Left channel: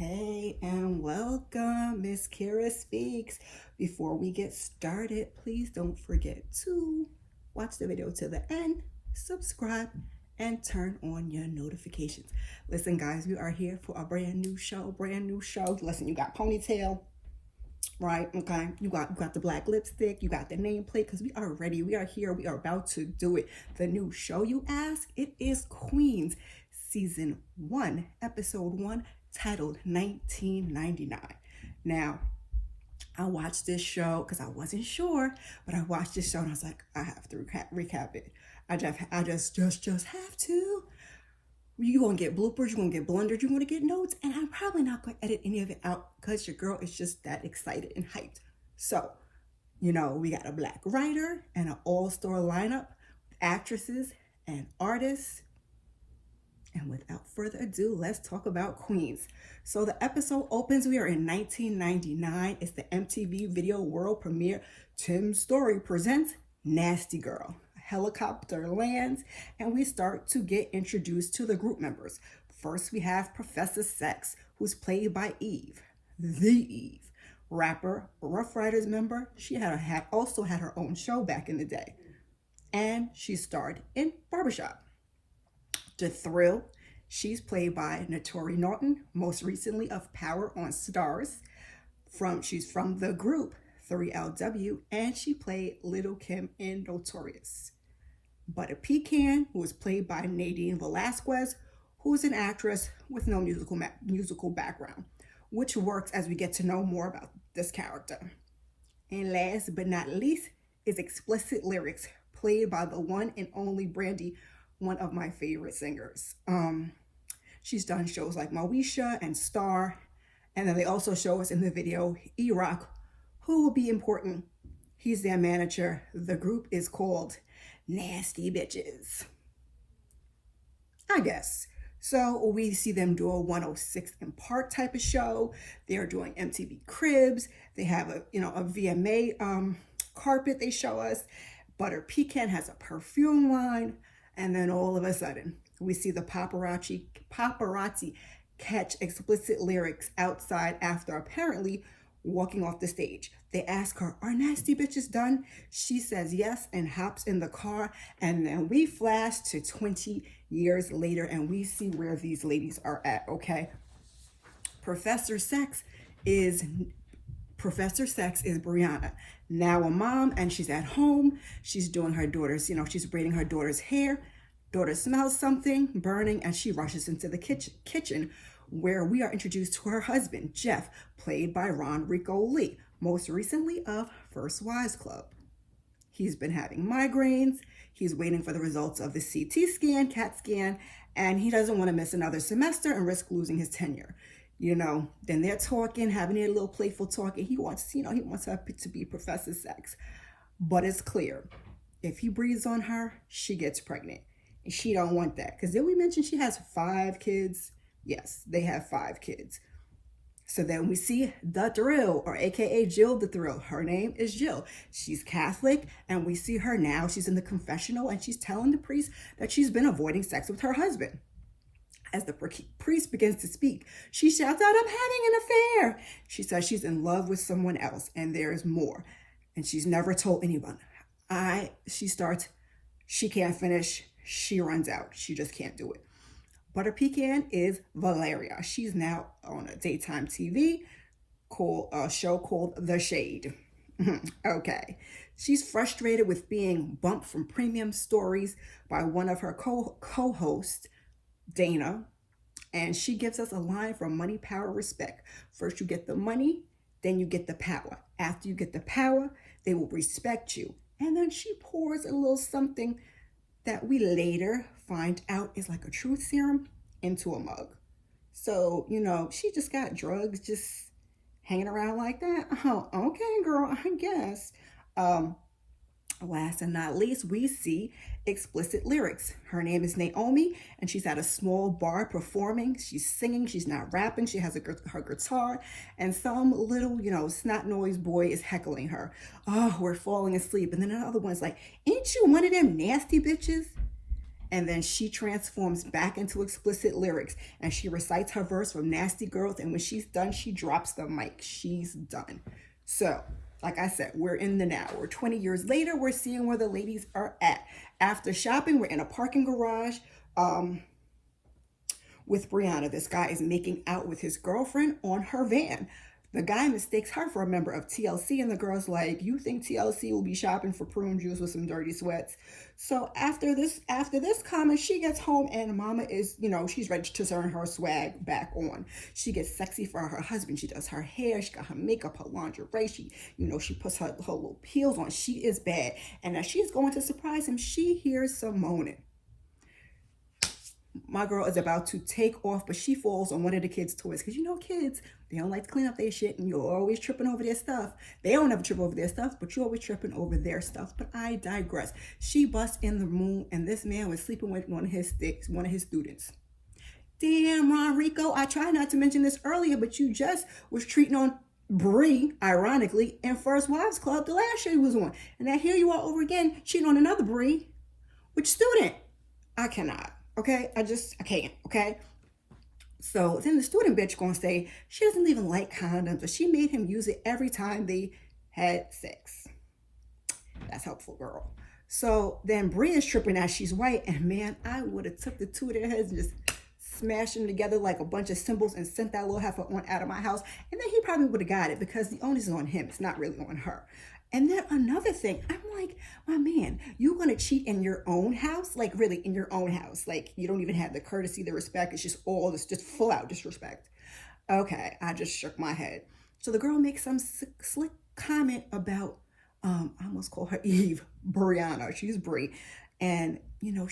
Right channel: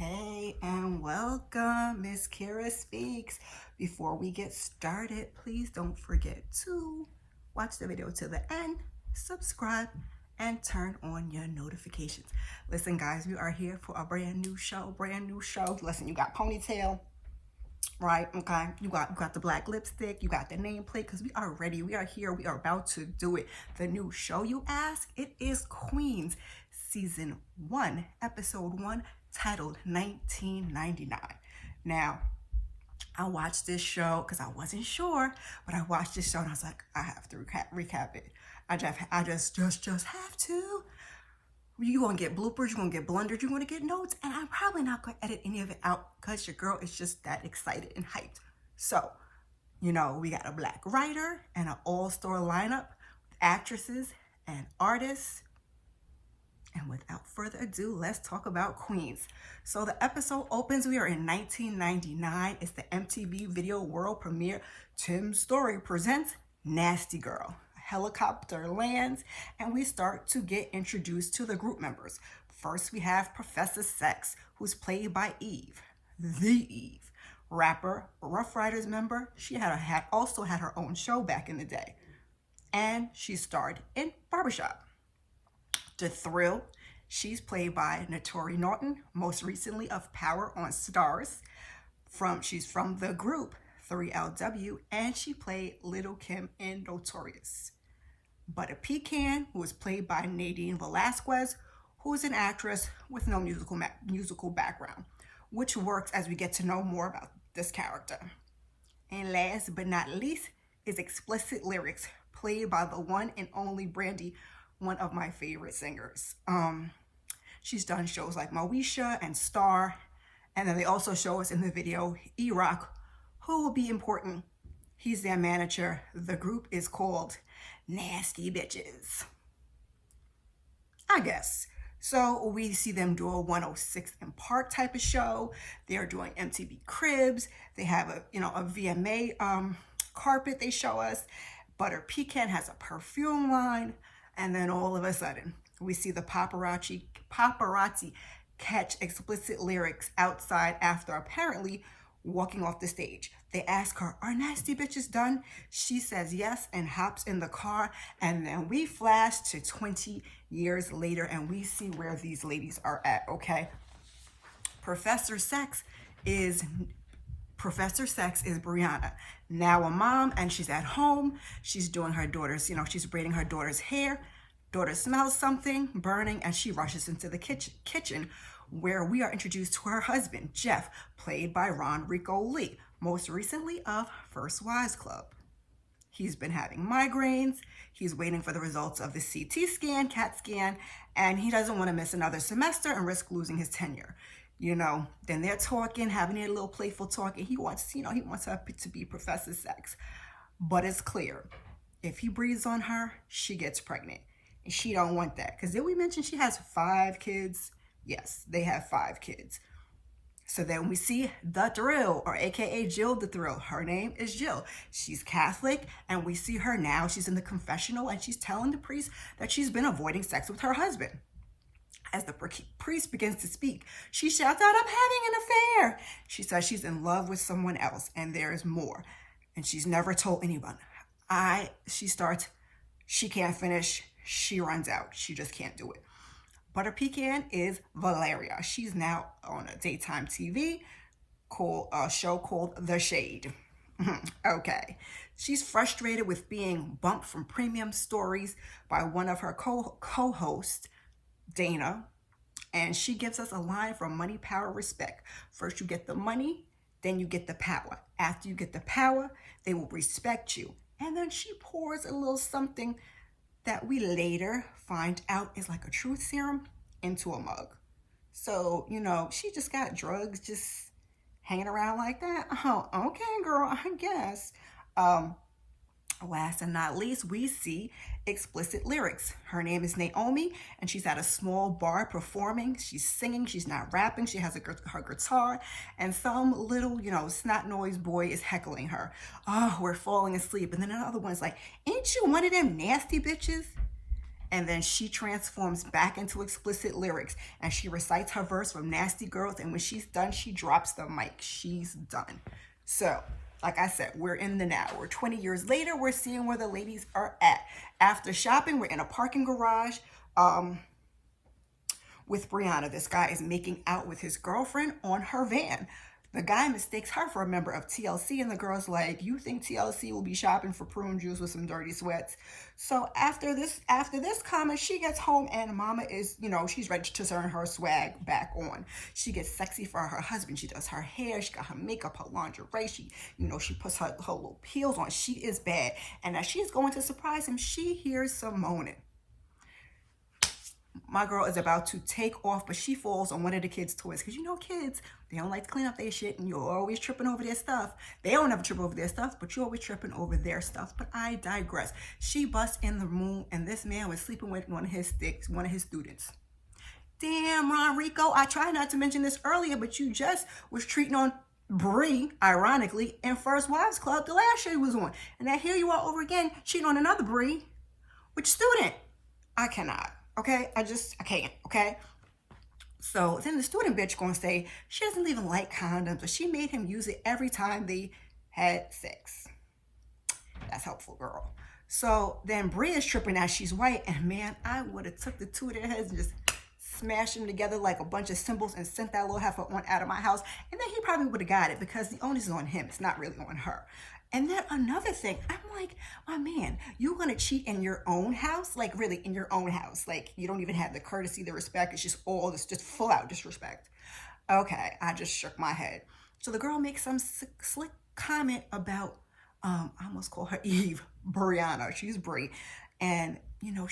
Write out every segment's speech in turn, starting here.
Hey and welcome, Miss Kira Speaks. Before we get started, please don't forget to watch the video to the end, subscribe, and turn on your notifications. Listen, guys, we are here for a brand new show. Listen, you got ponytail, right? Okay, you got the black lipstick, you got the nameplate, because we are ready. We are here. We are about to do it. The new show, you ask? It is Queens, Season 1, Episode 1, titled 1999. Now, I watched this show because I wasn't sure, but I watched this show and I was like, I have to recap it. I just have to. You're going to get bloopers, you're going to get blunders, you're going to get notes, and I'm probably not going to edit any of it out because your girl is just that excited and hyped. So, we got a black writer and an all-star lineup, actresses and artists. And without further ado, let's talk about Queens. So the episode opens, we are in 1999. It's the MTV Video World Premiere. Tim Story presents Nasty Girl. A helicopter lands and we start to get introduced to the group members. First, we have Professor Sex, who's played by Eve, the Eve. Rapper, Rough Riders member. She also had her own show back in the day. And she starred in Barbershop. The Thrill, she's played by Naturi Naughton, most recently of Power on Stars. She's from the group 3LW, and she played Little Kim in Notorious. But a Pecan, who is played by Nadine Velazquez, who is an actress with no musical background, which works as we get to know more about this character. And last but not least is Xplicit Lyrics, played by the one and only Brandy, one of my favorite singers. She's done shows like Moesha and Star, and then they also show us in the video E-Roc, who will be important. He's their manager. The group is called Nasty Bitches, I guess. So we see them do a 106 in Park type of show. They're doing MTV Cribs. They have a VMA carpet they show us. Butter Pecan has a perfume line. And then all of a sudden, we see the paparazzi catch Xplicit Lyrics outside after apparently walking off the stage. They ask her, "Are Nasty Bitches done?" She says yes and hops in the car. And then we flash to 20 years later and we see where these ladies are at, okay? Professor Sex is Brianna, now a mom, and she's at home. She's doing her daughter's, she's braiding her daughter's hair. Daughter smells something burning and she rushes into the kitchen where we are introduced to her husband, Jeff, played by Ron Rico Lee, most recently of First Wives Club. He's been having migraines. He's waiting for the results of the CAT scan, and he doesn't want to miss another semester and risk losing his tenure. Then they're talking, having a little playful talk, and he wants her to be Professor Sex. But it's clear, if he breathes on her, she gets pregnant. And she don't want that. Because did we mention she has 5 kids? Yes, they have 5 kids. So then we see the Thrill, or AKA Jill the Thrill. Her name is Jill. She's Catholic, and we see her now. She's in the confessional, and she's telling the priest that she's been avoiding sex with her husband. As the priest begins to speak, she shouts out, "I'm having an affair." She says she's in love with someone else, and there's more. And she's never told anyone. She can't finish. She runs out. She just can't do it. Butter Pecan is Valeria. She's now on a daytime TV show called The Shade. Okay. She's frustrated with being bumped from premium stories by one of her co-hosts, Dana, and she gives us a line from Money, Power, Respect. First you get the money, then you get the power. After you get the power, they will respect you. And then she pours a little something that we later find out is like a truth serum into a mug. So, she just got drugs just hanging around like that. Oh, okay, girl, I guess. Last and not least, we see Xplicit Lyrics. Her name is Naomi, and she's at a small bar performing. She's singing, she's not rapping. She has her guitar, and some little, snot noise boy is heckling her. "Oh, we're falling asleep." And then another one's like, "Ain't you one of them nasty bitches?" And then she transforms back into explicit lyrics, and she recites her verse from Nasty Girls, and when she's done, she drops the mic. She's done. So, like I said, we're in the now. We're 20 years later. We're seeing where the ladies are at. After shopping, we're in a parking garage with Brianna. This guy is making out with his girlfriend on her van. The guy mistakes her for a member of TLC, and the girl's like, you think TLC will be shopping for prune juice with some dirty sweats? So after this comment, she gets home, and mama is, she's ready to turn her swag back on. She gets sexy for her husband. She does her hair. She got her makeup, her lingerie. She puts her little heels on. She is bad. And as she's going to surprise him, she hears some moaning. My girl is about to take off, but she falls on one of the kids' toys. Because kids, they don't like to clean up their shit, and you're always tripping over their stuff. They don't ever trip over their stuff, but you're always tripping over their stuff. But I digress. She busts in the room, and this man was sleeping with one of his students. Damn, Ron Rico, I tried not to mention this earlier, but you just was treating on Bree, ironically, in First Wives Club the last show he was on. And now here you are over again, cheating on another Bree. Which student? I cannot. Okay, I can't, okay? So then the student bitch gonna say she doesn't even like condoms, but she made him use it every time they had sex. That's helpful, girl. So then Bree is tripping as she's white, and man, I would have took the two of their heads and just smashed them together like a bunch of cymbals and sent that little heifer on out of my house. And then he probably would have got it because the onus is on him. It's not really on her. And then another thing, I'm like, my man, you're going to cheat in your own house? Like, really, in your own house? Like, you don't even have the courtesy, the respect. It's just all this, just full out disrespect. Okay, I just shook my head. So the girl makes some slick comment about, I almost call her Eve, Brianna. She's Brie. And,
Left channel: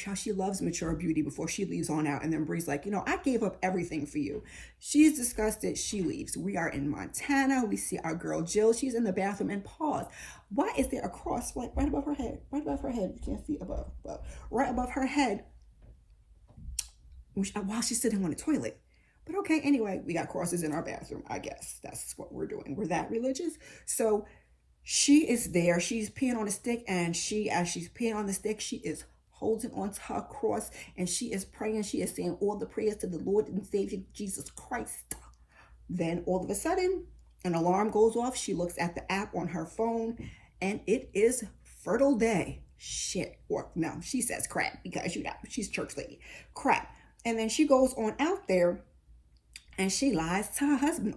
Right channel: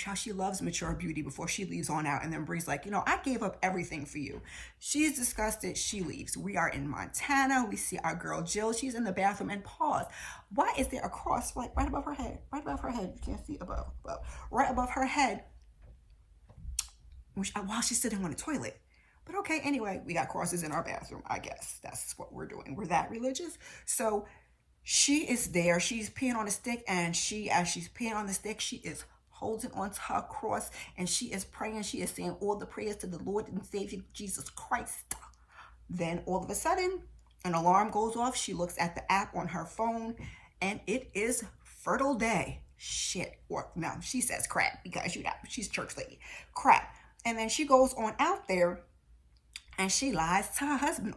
how she loves mature beauty before she leaves on out. And then Bree's like, I gave up everything for you. She's disgusted. She leaves. We are in Montana. We see our girl Jill. She's in the bathroom, and pause. Why is there a cross right above her head? Right above her head. You can't see above. Right above her head. While she's sitting on the toilet. But okay, anyway, we got crosses in our bathroom. I guess that's what we're doing. We're that religious. So she is there. She's peeing on a stick, and as she's peeing on the stick, she is holding onto her cross, and she is praying. She is saying all the prayers to the Lord and Savior Jesus Christ. Then all of a sudden, an alarm goes off. She looks at the app on her phone, and it is fertile day. Shit. Or no, she says crap, because she's church lady. Crap. And then she goes on out there, and she lies to her husband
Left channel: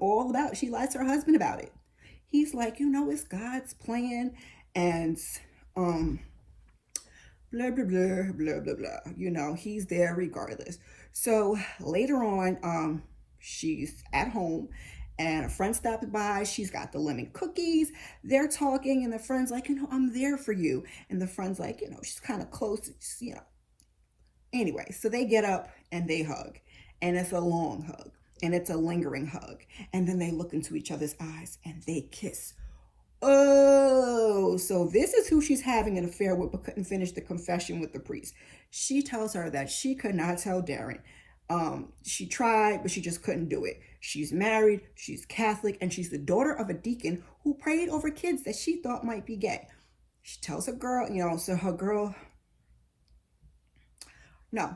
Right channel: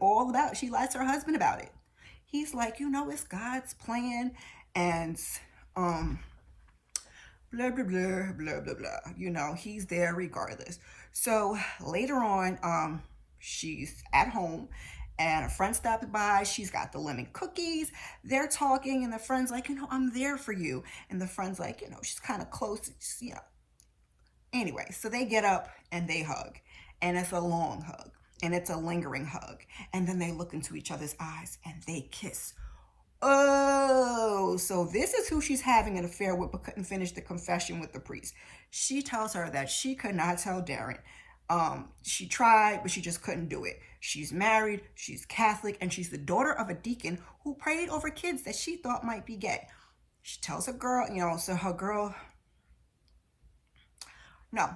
she lies to her husband about it. He's like, it's God's plan, and blah, blah, blah, blah, blah, blah. He's there regardless. So later on, she's at home, and a friend stopped by. She's got the lemon cookies. They're talking, and the friend's like, I'm there for you. And the friend's like, she's kind of close, Anyway, so they get up, and they hug. And it's a long hug. And it's a lingering hug. And then they look into each other's eyes, and they kiss. Oh, so this is who she's having an affair with, but couldn't finish the confession with the priest. She tells her that she could not tell Darren. She tried, but she just couldn't do it. She's married, she's Catholic, and she's the daughter of a deacon who prayed over kids that she thought might be gay. She tells her girl,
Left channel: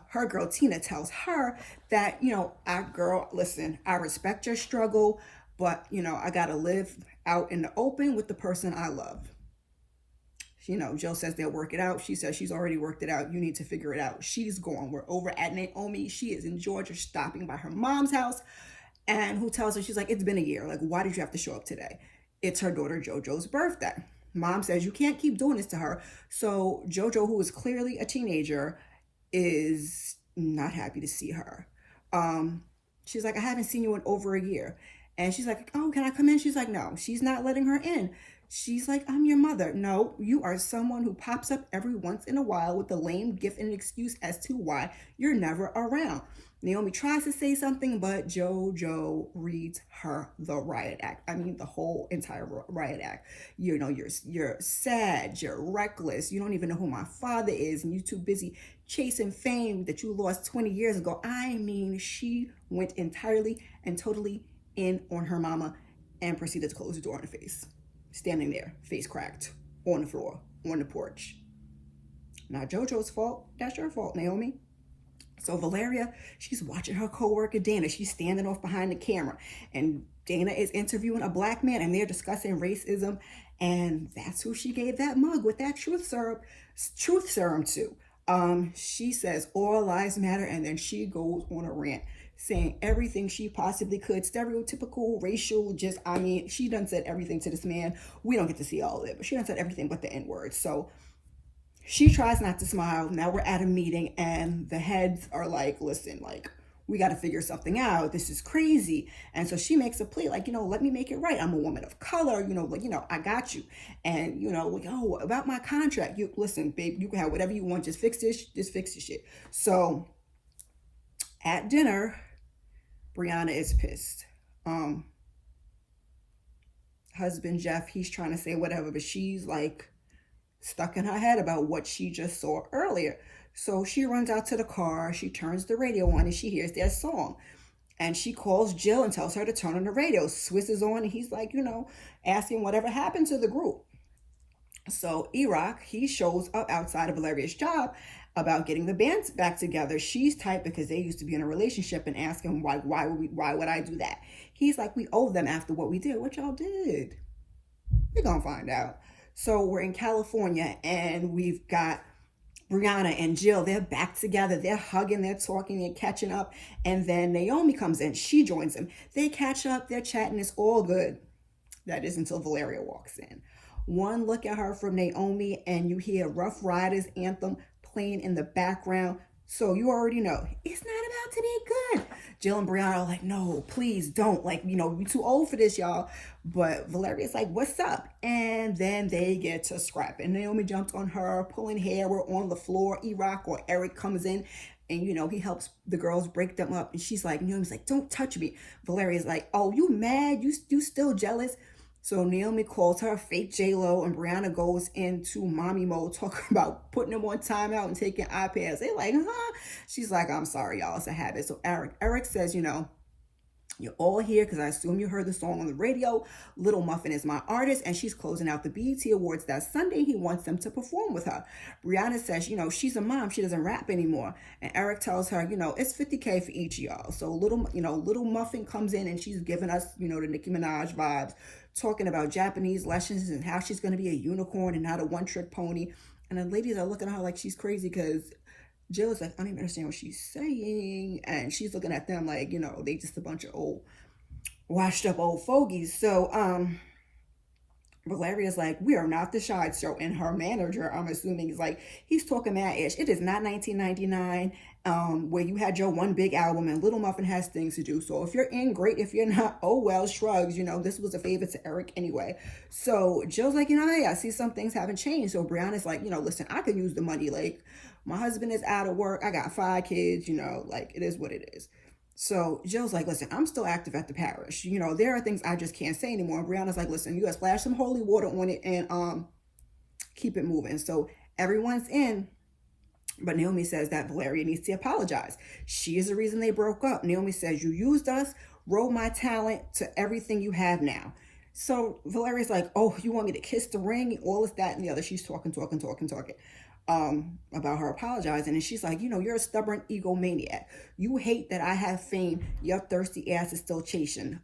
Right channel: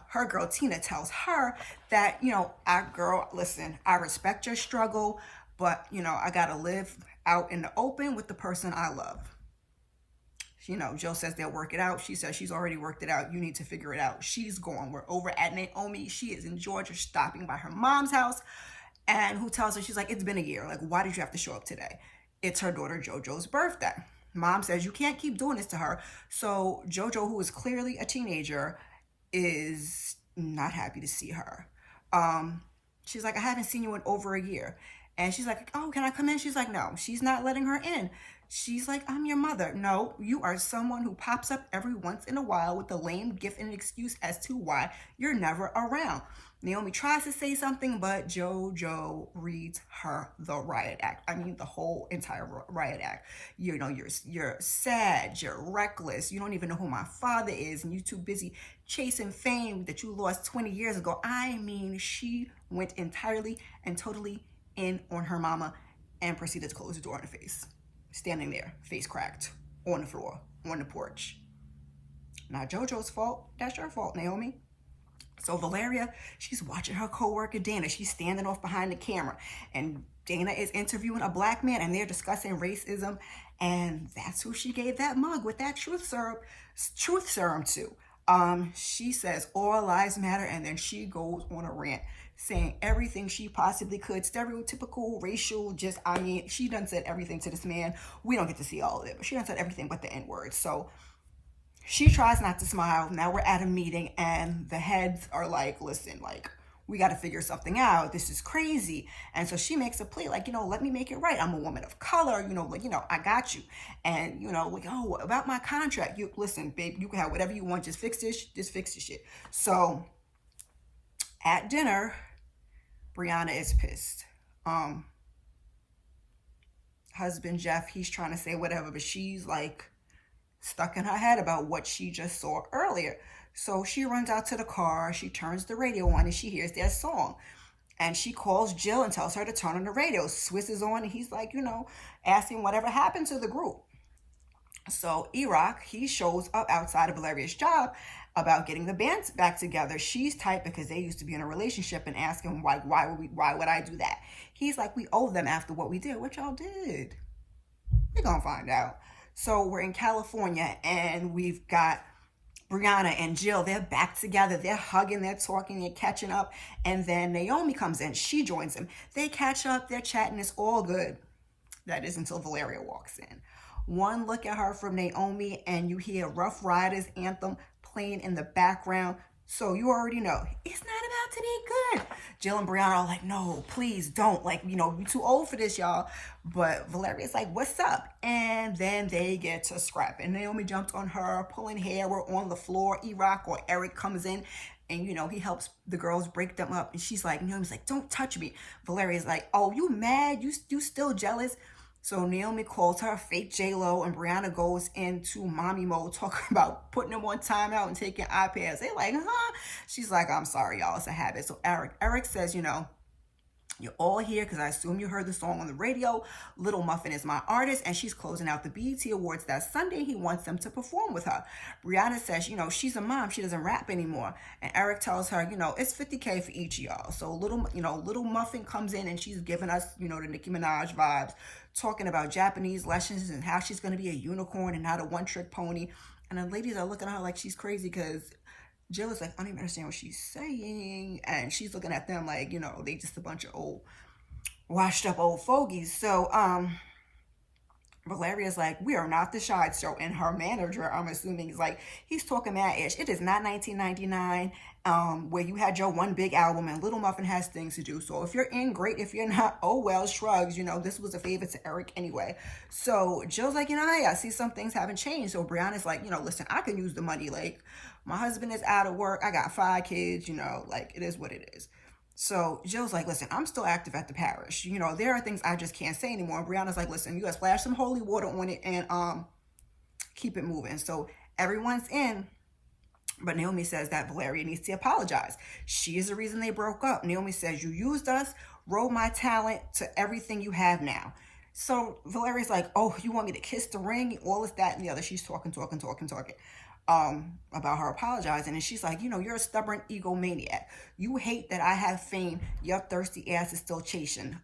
her girl Tina tells her that, listen, I respect your struggle, but, I got to live out in the open with the person I love. Jill says they'll work it out. She says she's already worked it out. You need to figure it out. She's gone. We're over at Naomi. She is in Georgia, stopping by her mom's house. And who tells her, she's like, it's been a year. Like, why did you have to show up today? It's her daughter JoJo's birthday. Mom says you can't keep doing this to her. So JoJo, who is clearly a teenager, is not happy to see her. She's like, I haven't seen you in over a year. And she's like, oh, can I come in? She's like, no, she's not letting her in. She's like, I'm your mother. No, you are someone who pops up every once in a while with a lame gift and an excuse as to why you're never around. Naomi tries to say something, but JoJo reads her the riot act. I mean, the whole entire riot act. You're sad, you're reckless. You don't even know who my father is, and you're too busy chasing fame that you lost 20 years ago. I mean, she went entirely and totally in on her mama and proceeded to close the door in her face. Standing there, face cracked, on the floor, on the porch. Not JoJo's fault. That's your fault, Naomi. So Valeria, she's watching her co-worker Dana. She's standing off behind the camera, and Dana is interviewing a black man, and they're discussing racism, and that's who she gave that mug with that truth serum to. She says all lives matter, and then she goes on a rant saying everything she possibly could, stereotypical, racial, just, I mean, she done said everything to this man. We don't get to see all of it, but she done said everything but the N-word. So she tries not to smile. Now we're at a meeting, and the heads are like, listen, like, we got to figure something out. This is crazy. And so she makes a plea, like, let me make it right. I'm a woman of color, like, I got you. And, about my contract, listen, babe, you can have whatever you want. Just fix this shit. So at dinner, Brianna is pissed. Husband Jeff, he's trying to say whatever, but she's like stuck in her head about what she just saw earlier. So she runs out to the car, she turns the radio on, and she hears their song. And she calls Jill and tells her to turn on the radio. Swiss is on, and he's like, asking whatever happened to the group. So E-Roc, he shows up outside of Valeria's job about getting the band back together. She's tight because they used to be in a relationship, and ask him, why would I do that? He's like, we owe them after what we did. What y'all did? We're gonna find out. So we're in California, and we've got Brianna and Jill. They're back together. They're hugging, they're talking, they're catching up. And then Naomi comes in. She joins them. They catch up, they're chatting. It's all good. That is until Valeria walks in. One look at her from Naomi, and you hear Rough Riders anthem playing in the background. So you already know it's not about to be good. Jill and Brianna are like, no, please don't. Like, you're too old for this, y'all. But Valeria's like, what's up? And then they get to scrapping. Naomi jumps on her, pulling hair. We're on the floor. E-Roc or Eric comes in, and, he helps the girls break them up. And she's like, Naomi's like, don't touch me. Valeria's like, oh, you mad? You still jealous? So Naomi calls her fake J-Lo, and Brianna goes into mommy mode, talking about putting them on timeout and taking iPads. They like, huh? She's like, I'm sorry, y'all. It's a habit. So Eric says, you're all here because I assume you heard the song on the radio. Little Muffin is my artist, and she's closing out the BET Awards that Sunday. He wants them to perform with her. Brianna says, she's a mom. She doesn't rap anymore. And Eric tells her, it's $50K for each of y'all. So Little Muffin comes in, and she's giving us, the Nicki Minaj vibes, talking about Japanese lessons and how she's going to be a unicorn and not a one-trick pony. And the ladies are looking at her like she's crazy, because Jill is like, I don't even understand what she's saying. And she's looking at them like, they just a bunch of old, washed up old fogies. So Valeria's like, we are not the Shy Show. And her manager, I'm assuming, is like, he's talking mad ish. It is not 1999 where you had your one big album, and Little Muffin has things to do. So if you're in, great. If you're not, oh well, shrugs. This was a favor to Eric anyway. So Jill's like, I see some things haven't changed. So Brianna's like, listen, I can use the money. Like, my husband is out of work. I got 5 kids, like, it is what it is. So Jill's like, listen, I'm still active at the parish. There are things I just can't say anymore. And Brianna's like, listen, you gotta splash some holy water on it and keep it moving. So everyone's in. But Naomi says that Valeria needs to apologize. She is the reason they broke up. Naomi says, you used us, rode my talent to everything you have now. So Valeria's like, oh, you want me to kiss the ring? All this, that, and the other. She's talking about her apologizing. And she's like, you're a stubborn egomaniac. You hate that I have fame. Your thirsty ass is still chasing.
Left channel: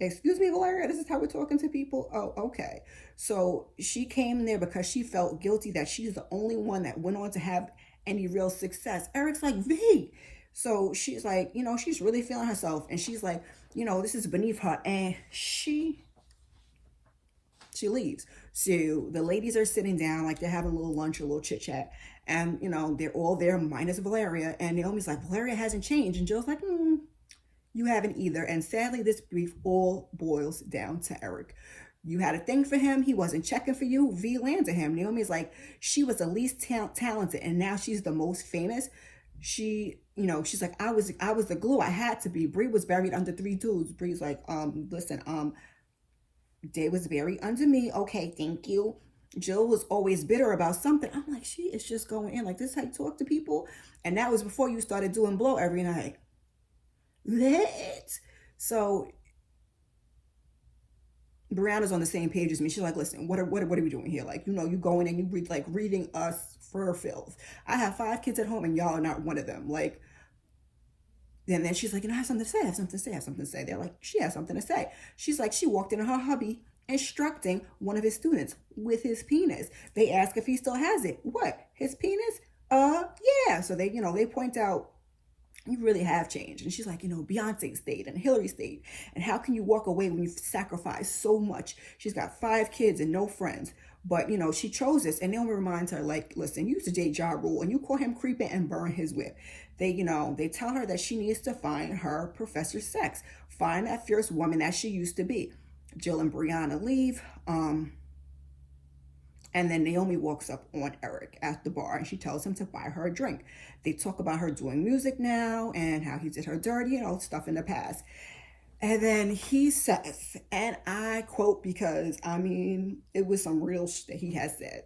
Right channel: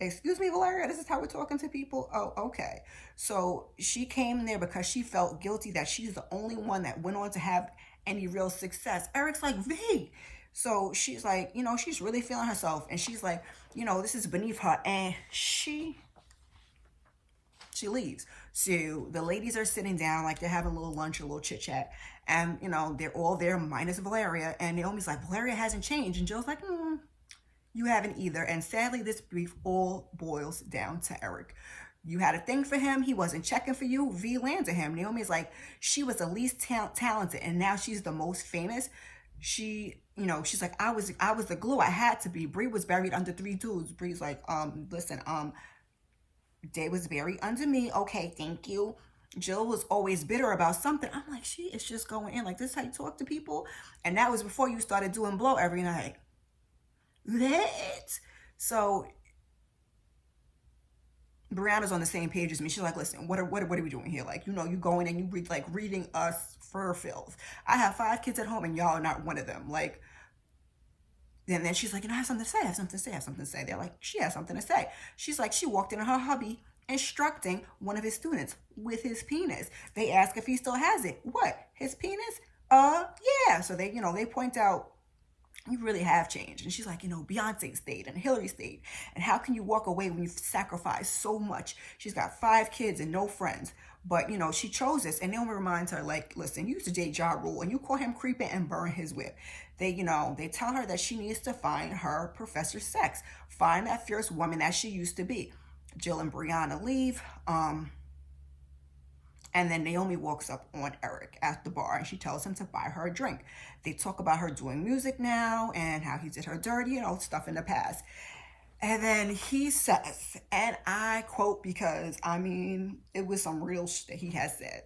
Excuse me, Valeria, this is how we're talking to people? Oh, okay. So she came there because she felt guilty that she's the only one that went on to have any real success. Eric's like, V. So she's like, she's really feeling herself. And she's like, this is beneath her. And she leaves. So the ladies are sitting down, like they're having a little lunch, a little chit chat. And, they're all there minus Valeria. And Naomi's like, Valeria hasn't changed. And Jill's like, you haven't either. And sadly, this brief all boils down to Eric. You had a thing for him. He wasn't checking for you. V landed him. Naomi's like, she was the least talented, and now she's the most famous. She's like, I was the glue. I had to be. Bree was buried under 3 dudes. Bree's like, listen, Day was buried under me. Okay, thank you. Jill was always bitter about something. I'm like, she is just going in. Like, this is how you talk to people? And that was before you started doing blow every night. What? So Brianna's on the same page as me. She's like, listen, what are we doing here? Like, you going and you reading us fur fills. I have 5 kids at home and y'all are not one of them. Like, and then she's like, I have something to say, I have something to say, I have something to say. They're like, she has something to say. She's like, she walked in her hubby instructing one of his students with his penis. They ask if he still has it. What? His penis? Yeah. So they, they point out, you really have changed. And she's like, Beyonce stayed and Hillary stayed. And how can you walk away when you've sacrificed so much? She's got 5 kids and no friends. But, she chose this. And Naomi reminds her, like, listen, you used to date Ja Rule and you caught him creeping and burn his whip. They tell her that she needs to find her Professor Sex. Find that fierce woman that she used to be. Jill and Brianna leave. And then Naomi walks up on Eric at the bar and she tells him to buy her a drink. They talk about her doing music now and how he did her dirty, stuff in the past. And then he says, and I quote because, it was some real shit that he has said.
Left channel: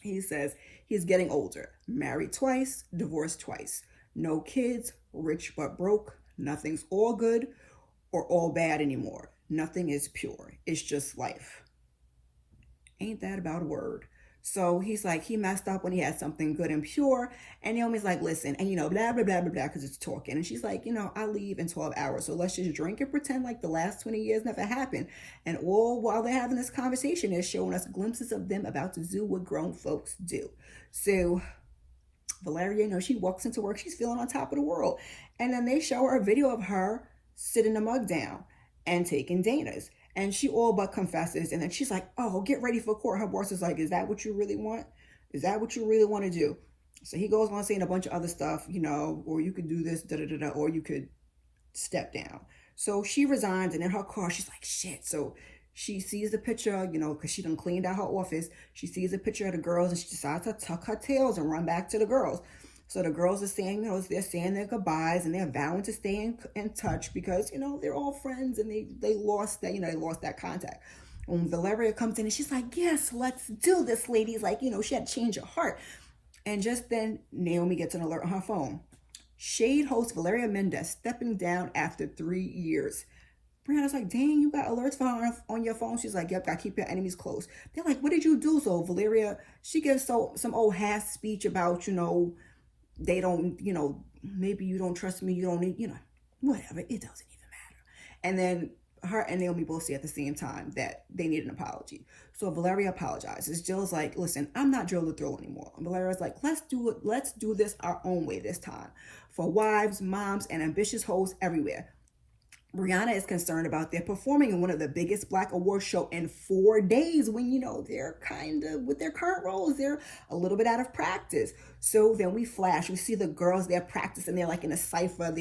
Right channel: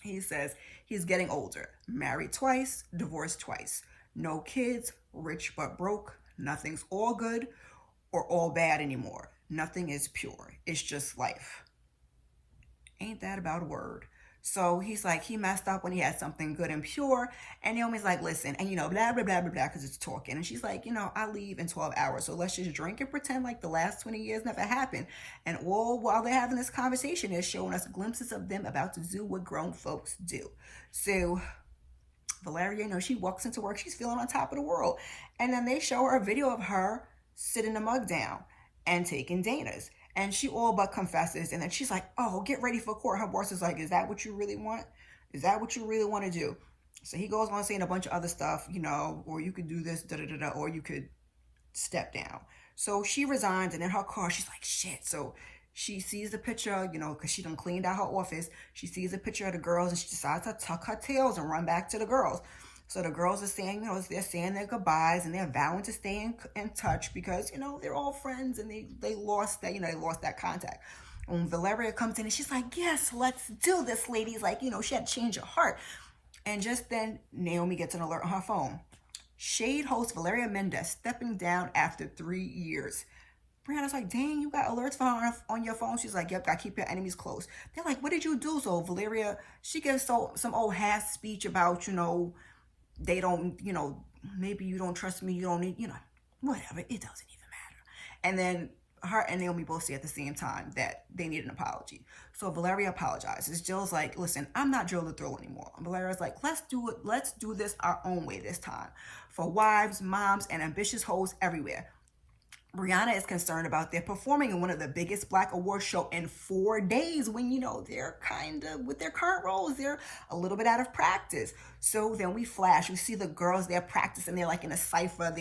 He says, he's getting older, married twice, divorced twice, no kids, rich but broke, nothing's all good or all bad anymore. Nothing is pure. It's just life. Ain't that about a word? So he's like, he messed up when he had something good and pure. And Naomi's like, listen, and blah, blah, blah, blah, blah, because it's talking. And she's like, I leave in 12 hours. So let's just drink and pretend like the last 20 years never happened. And all while they're having this conversation, they're showing us glimpses of them about to do what grown folks do. So Valeria, she walks into work. She's feeling on top of the world. And then they show her a video of her sitting the mug down and taking Dana's. And she all but confesses. And then she's like, oh, get ready for court. Her boss is like, is that what you really want? Is that what you really want to do? So he goes on saying a bunch of other stuff, or you could do this, or you could step down. So she resigns. And in her car, she's like, shit. So she sees the picture, because she done cleaned out her office. She sees a picture of the girls and she decides to tuck her tails and run back to the girls. So the girls are saying, they're saying their goodbyes and they're vowing to stay in touch because, they're all friends and they lost that, they lost that contact. When Valeria comes in and she's like, yes, let's do this, ladies. Like, she had to change her heart. And just then Naomi gets an alert on her phone. Shade host Valeria Mendez stepping down after 3 years. Brianna's like, dang, you got alerts on your phone? She's like, yep, I keep your enemies close. They're like, what did you do? So Valeria, she gives some old half speech about, they don't, maybe you don't trust me, you don't need, whatever, it doesn't even matter. And then her and Naomi both say at the same time that they need an apology. So Valeria apologizes. Jill's like, listen, I'm not Jill the Thrill anymore. And Valeria's like, let's do this our own way this time. For wives, moms, and ambitious hoes everywhere. Brianna is concerned about their performing in one of the biggest Black award show in 4 days when, they're kind of, with their current roles, they're a little bit out of practice. So then we see the girls, they're practicing, they're like in a cypher,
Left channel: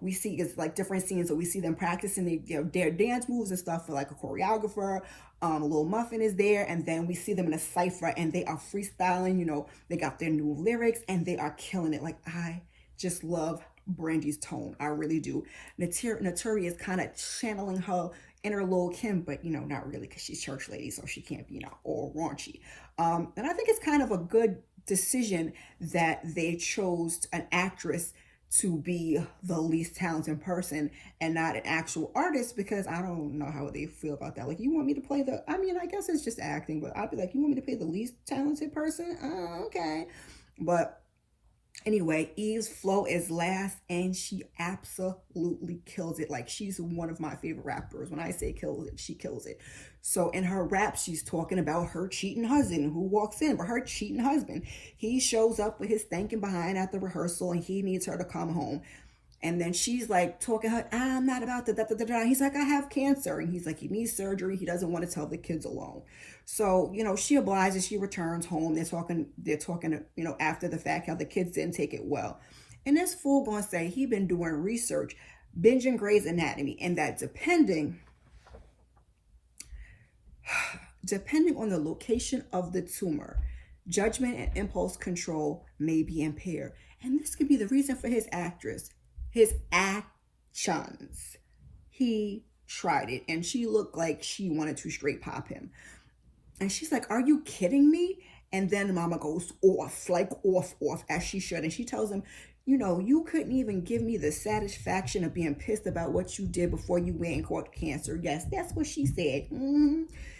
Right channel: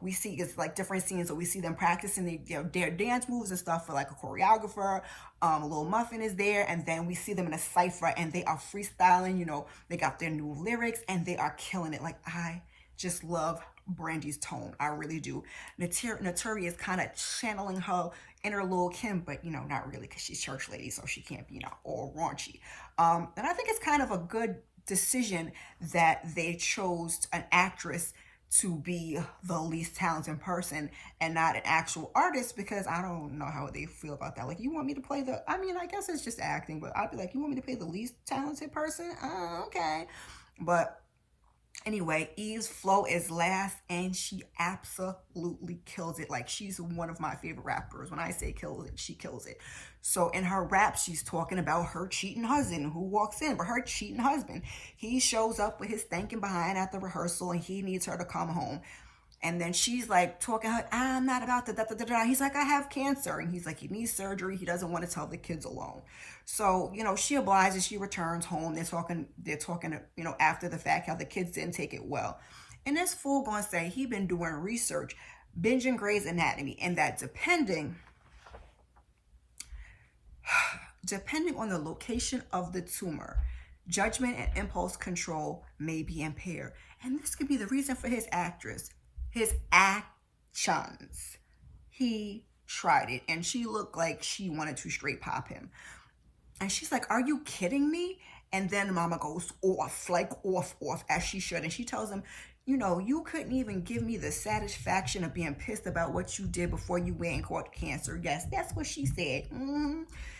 we see it's like different scenes, so we see them practicing their dance moves and stuff for like a choreographer. Little Muffin is there, and then we see them in a cypher and they are freestyling, they got their new lyrics and they are killing it. Like, I just love Brandy's tone. I really do. Naturi is kind of channeling her inner Lil Kim, but not really, because she's church lady, so she can't be all raunchy. And I think it's kind of a good decision that they chose an actress to be the least talented person and not an actual artist, because I don't know how they feel about that. Like, you want me to play I guess it's just acting, but I'd be like, you want me to play the least talented person? Okay. But anyway, Eve's flow is last and she absolutely kills it. Like, she's one of my favorite rappers. When I say kills it, she kills it. So in her rap, she's talking about her cheating husband who walks in, but her cheating husband, he shows up with his thinking behind at the rehearsal and he needs her to come home. And then she's like talking her, I'm not about the da-da-da-da. He's like, I have cancer. And he's like, he needs surgery. He doesn't want to tell the kids alone. So, she obliges, she returns home. They're talking, after the fact, how the kids didn't take it well. And this fool gonna say he been doing research, binging Grey's Anatomy, and that depending on the location of the tumor, judgment and impulse control may be impaired. And this could be the reason for his actions. He tried it and she looked like she wanted to straight pop him. And she's like, are you kidding me? And then mama goes off, like off, as she should. And she tells him, You couldn't even give me the satisfaction of being pissed about what you did before you went and caught cancer. Yes, that's what she said.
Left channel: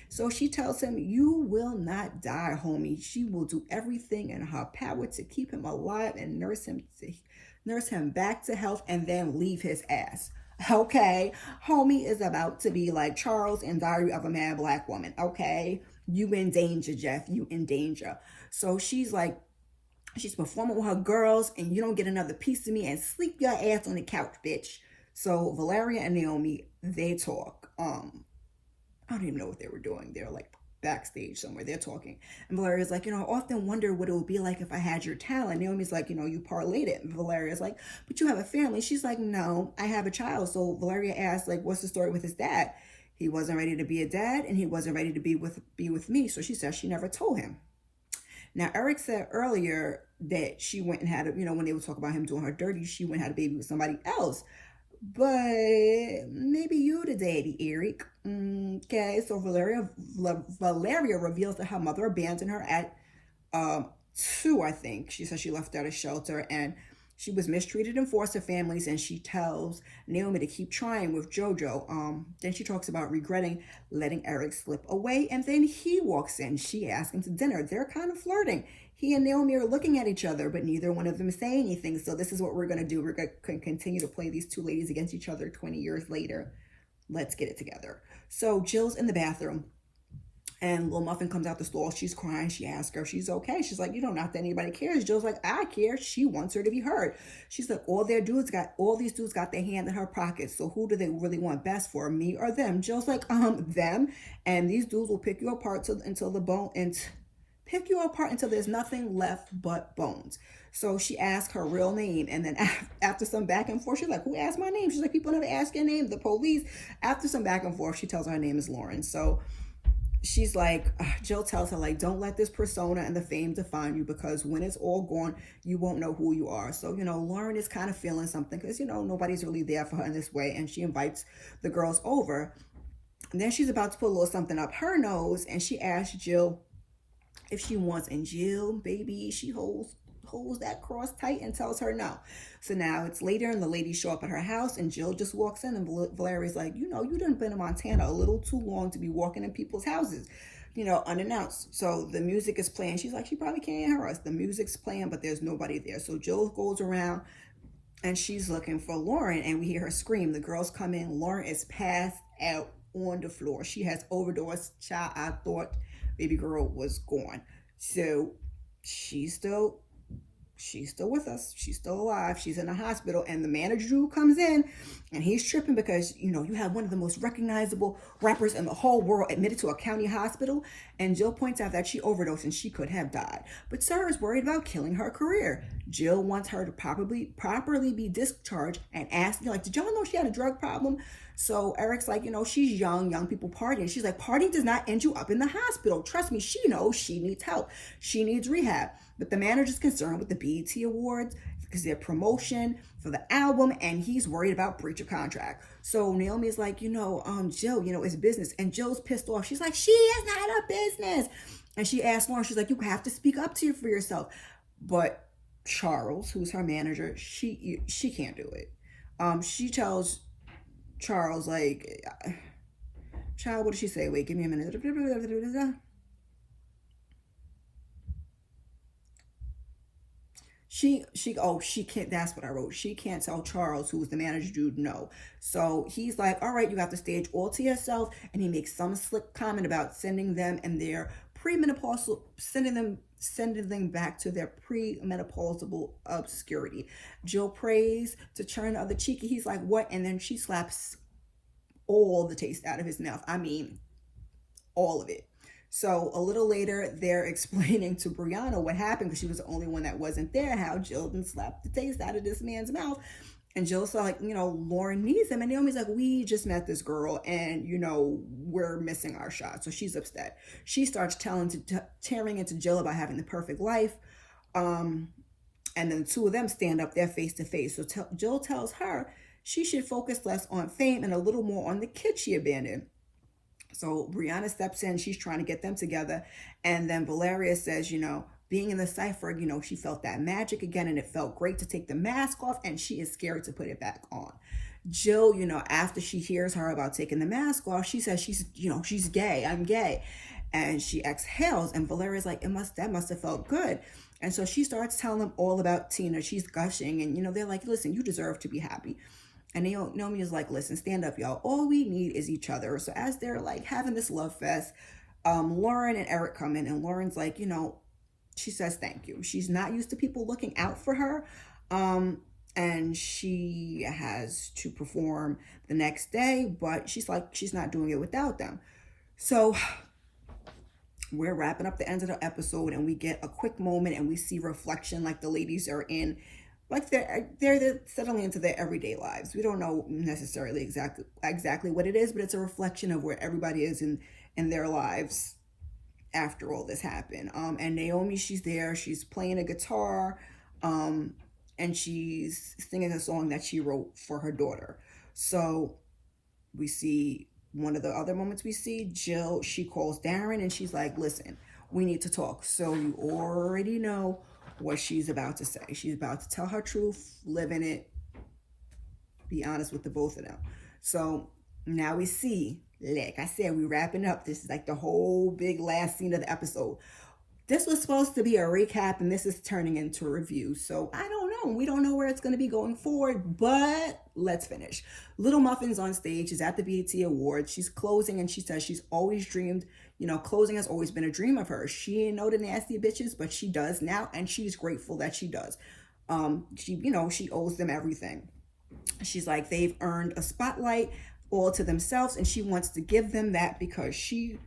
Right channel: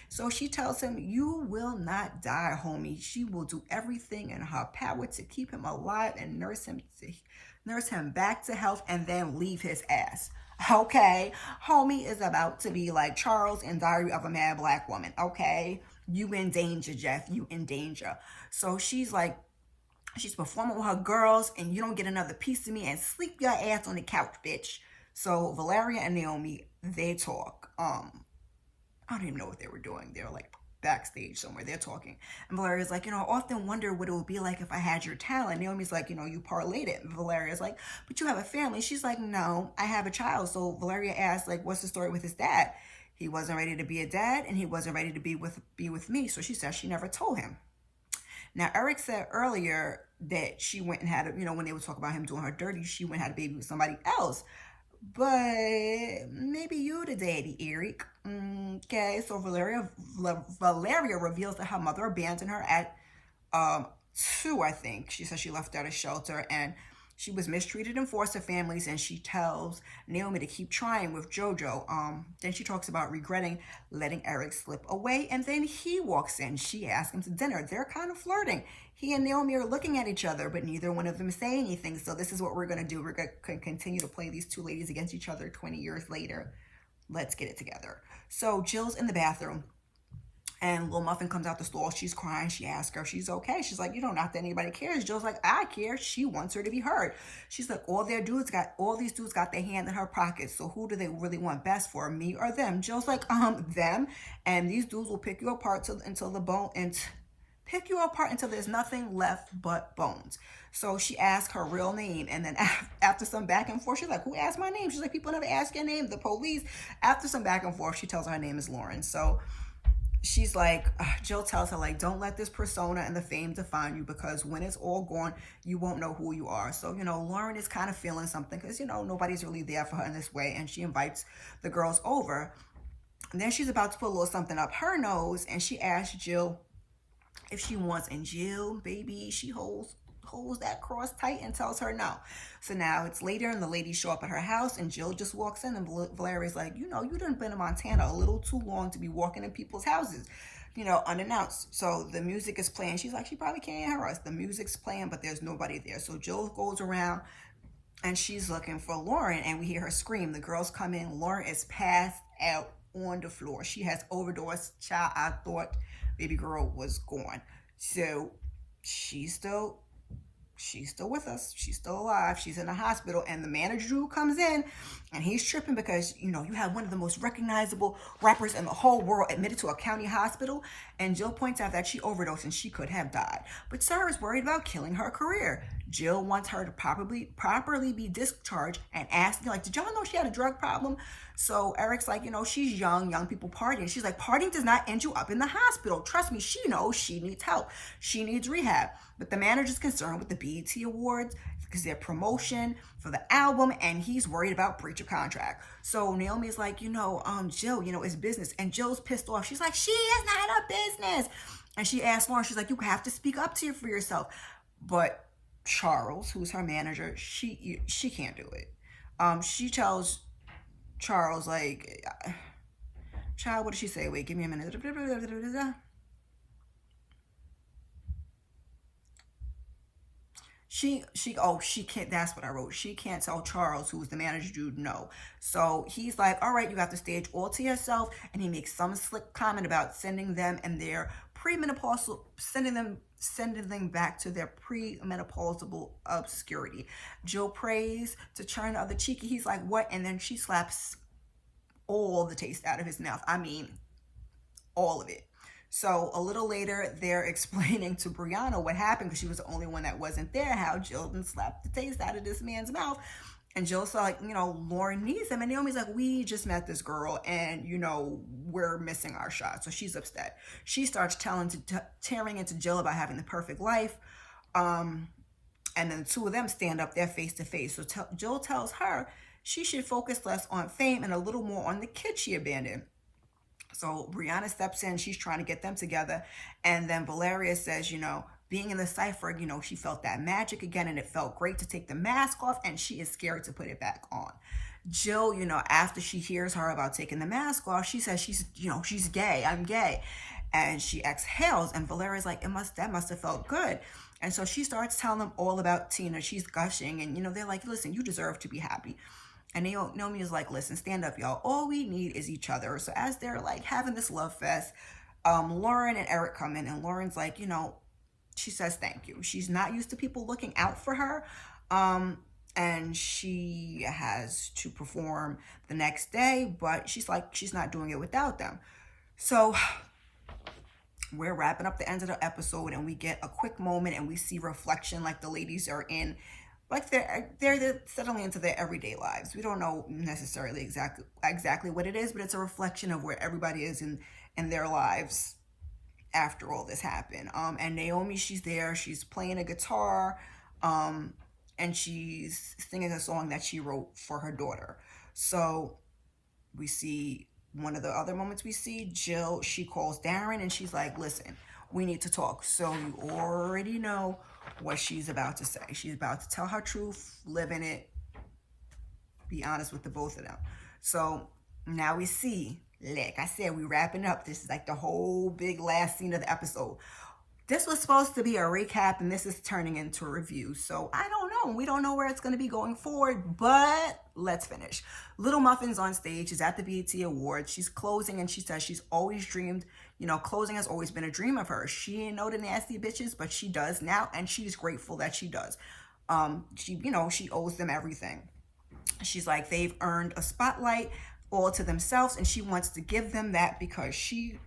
So she tells him, you will not die, homie. She will do everything in her power to keep him alive and nurse him back to health and then leave his ass. Okay, homie is about to be like Charles in Diary of a Mad Black Woman. Okay, you in danger, Jeff. You in danger. So she's performing with her girls, and you don't get another piece of me, and sleep your ass on the couch, bitch. So Valeria and Naomi, they talk. I don't even know what they were doing. They're like backstage somewhere. They're talking. And Valeria's like, I often wonder what it would be like if I had your talent. Naomi's like, you parlayed it. And Valeria's like, but you have a family. She's like, no, I have a child. So Valeria asks, like, what's the story with his dad? He wasn't ready to be a dad, and he wasn't ready to be with me. So she says she never told him. Now, Eric said earlier that she went and had, when they would talk about him doing her dirty, she went and had a baby with somebody else. But maybe you the daddy, Eric. Okay, so Valeria reveals that her mother abandoned her at 2, I think. She says she left at a shelter, and she was mistreated in foster families, and she tells Naomi to keep trying with JoJo. Then she talks about regretting letting Eric slip away, and then he walks in. She asks him to dinner. They're kind of flirting. He and Naomi are looking at each other, but neither one of them is saying anything. So this is what we're going to do. We're going to continue to play these two ladies against each other 20 years later. Let's get it together. So Jill's in the bathroom, and Little Muffin comes out the stall. She's crying. She asks her if she's okay. She's like, not that anybody cares. Jill's like, I care. She wants her to be heard. She's like, all these dudes got their hand in her pocket. So who do they really want best for, me or them? Jill's like, them. And these dudes will pick you apart until there's nothing left but bones. So she asked her real name, and then after some back and forth, she's like, who asked my name? She's like, people never ask your name, the police. After some back and forth, she tells her name is Lauren. So she's like, Jill tells her, like, don't let this persona and the fame define you, because when it's all gone, you won't know who you are. So, Lauren is kind of feeling something because, nobody's really there for her in this way, and she invites the girls over. And then she's about to put a little something up her nose, and she asks Jill if she wants, and Jill, baby, she holds that cross tight and tells her no. So now it's later, and the ladies show up at her house, and Jill just walks in, and Valeria's like, you done been in Montana a little too long to be walking in people's houses, unannounced. So the music is playing. She's like, she probably can't hear us. The music's playing, but there's nobody there. So Jill goes around, and she's looking for Lauren, and we hear her scream. The girls come in. Lauren is passed out on the floor. She has overdosed. Child, I thought baby girl was gone. So she's still with us. She's still alive. She's in the hospital, and the manager who comes in, and he's tripping because, you have one of the most recognizable rappers in the whole world admitted to a county hospital, and Jill points out that she overdosed and she could have died. But Sarah is worried about killing her career. Jill wants her to properly be discharged and asks, did y'all know she had a drug problem? So Eric's like, she's young people partying. She's like, partying does not end you up in the hospital. Trust me, she knows she needs help. She needs rehab. But the manager's concerned with the BET Awards because their promotion for the album, and he's worried about breach of contract. So Naomi's like, Jill, it's business. And Jill's pissed off. She's like, she is not a business. And she asks Lauren, she's like, you have to speak up for yourself. But Charles, who's her manager, she can't do it. She tells Charles, like, child, what did she say? Wait, give me a minute. She can't, that's what I wrote. She can't tell Charles, who's the manager dude, no. So he's like, all right, you got the stage all to yourself. And he makes some slick comment about sending them and their premenopausal, sending them back to their premenopausal obscurity. Jill prays to turn the other cheek. He's like, what? And then she slaps all the taste out of his mouth. I mean, all of it. So a little later, they're explaining to Brianna what happened, because she was the only one that wasn't there, how Jill done slapped the taste out of this man's mouth. And Jill's like, Lauren needs him. And Naomi's like, we just met this girl, and, we're missing our shot. So she's upset. She starts tearing into Jill about having the perfect life. And then two of them stand up there face to face. So Jill tells her she should focus less on fame and a little more on the kid she abandoned. So Brianna steps in. She's trying to get them together. And then Valeria says, being in the cipher, you know, she felt that magic again, and it felt great to take the mask off, and she is scared to put it back on. Jill, you know, after she hears her about taking the mask off, she says she's, you know, she's gay. I'm gay. And she exhales, and Valeria's like, that must have felt good. And so she starts telling them all about Tina. She's gushing, and, you know, they're like, listen, you deserve to be happy. And Naomi is like, listen, stand up, y'all. All we need is each other. So as they're like having this love fest, Lauren and Eric come in, and Lauren's like, you know, she says thank you. She's not used to people looking out for her. And she has to perform the next day, but she's like, she's not doing it without them. So we're wrapping up the end of the episode, and we get a quick moment, and we see reflection, like the ladies are in, like they're settling into their everyday lives. We don't know necessarily exactly what it is, but it's a reflection of where everybody is in their lives after all this happened. And Naomi, she's there, she's playing a guitar, and she's singing a song that she wrote for her daughter. So we see one of the other moments we see, Jill, she calls Darren, and she's like, listen, we need to talk. So you already know what she's about to say. She's about to tell her truth, live in it, be honest with the both of them. So now we see, like I said, we're wrapping up. This is like the whole big last scene of the episode. This was supposed to be a recap, and this is turning into a review. So I don't know. We don't know where it's going to be going forward, but let's finish. Little Muffin's on stage. She's at the BET Awards. She's closing, and she says she's always dreamed, you know, closing has always been a dream of hers. She didn't know the nasty bitches, but she does now, and she's grateful that she does. She, you know, she owes them everything. She's like, they've earned a spotlight all to themselves, and she wants to give them that because she...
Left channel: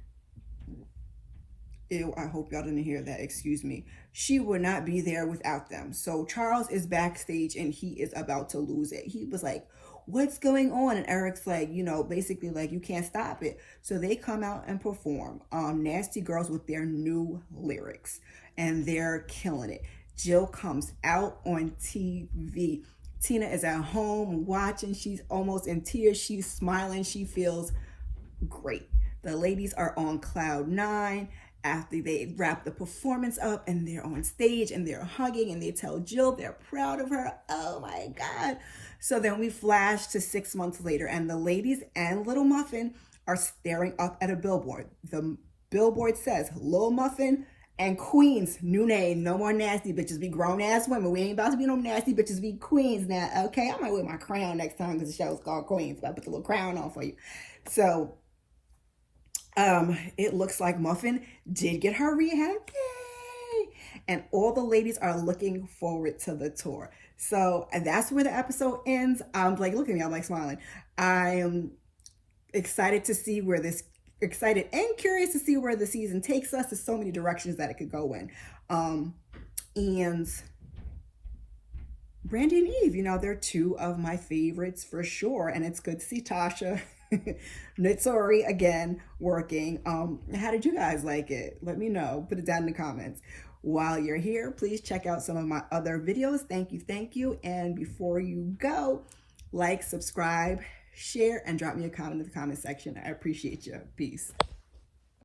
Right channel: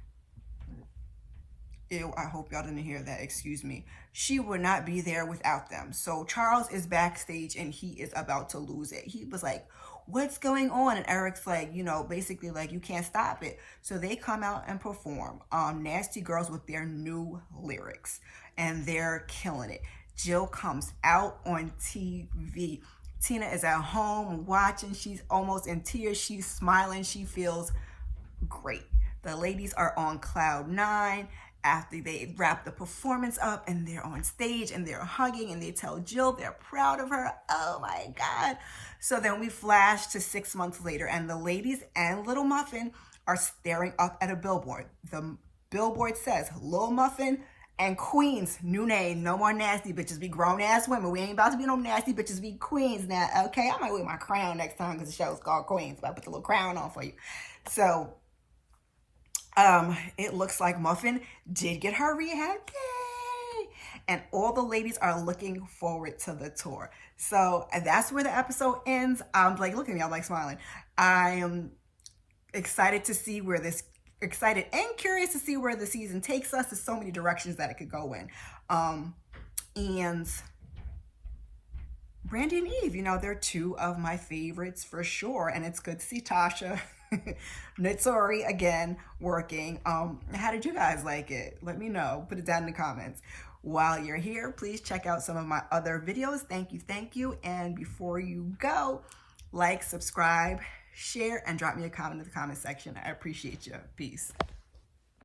Ew, I hope y'all didn't hear that, excuse me. She would not be there without them. So Charles is backstage, and he is about to lose it. He was like, what's going on? And Eric's like, you know, basically like, you can't stop it. So they come out and perform Nasty Girls with their new lyrics, and they're killing it. Jill comes out on TV. Tina is at home watching. She's almost in tears. She's smiling. She feels great. The ladies are on cloud 9. After they wrap the performance up, and they're on stage, and they're hugging, and they tell Jill they're proud of her. Oh my God. So then we flash to 6 months later, and the ladies and Little Muffin are staring up at a billboard. The billboard says, Little Muffin and Queens, new name, no more nasty bitches, be grown ass women. We ain't about to be no nasty bitches, be queens now, okay? I might wear my crown next time because the show's called Queens, but I put the little crown on for you. So it looks like Muffin did get her rehab, yay! And all the ladies are looking forward to the tour. So, and that's where the episode ends. I'm like, look at me, I'm like smiling. I am excited to see where this, excited and curious to see where the season takes us. There's so many directions that it could go in. And Brandy and Eve, you know, they're two of my favorites for sure. And it's good to see Tasha Naturi again working. How did you guys like it? Let me know. Put it down in the comments. While you're here, please check out some of my other videos. Thank you. And before you go, like, subscribe, share, and drop me a comment in the comment section. I appreciate you. Peace.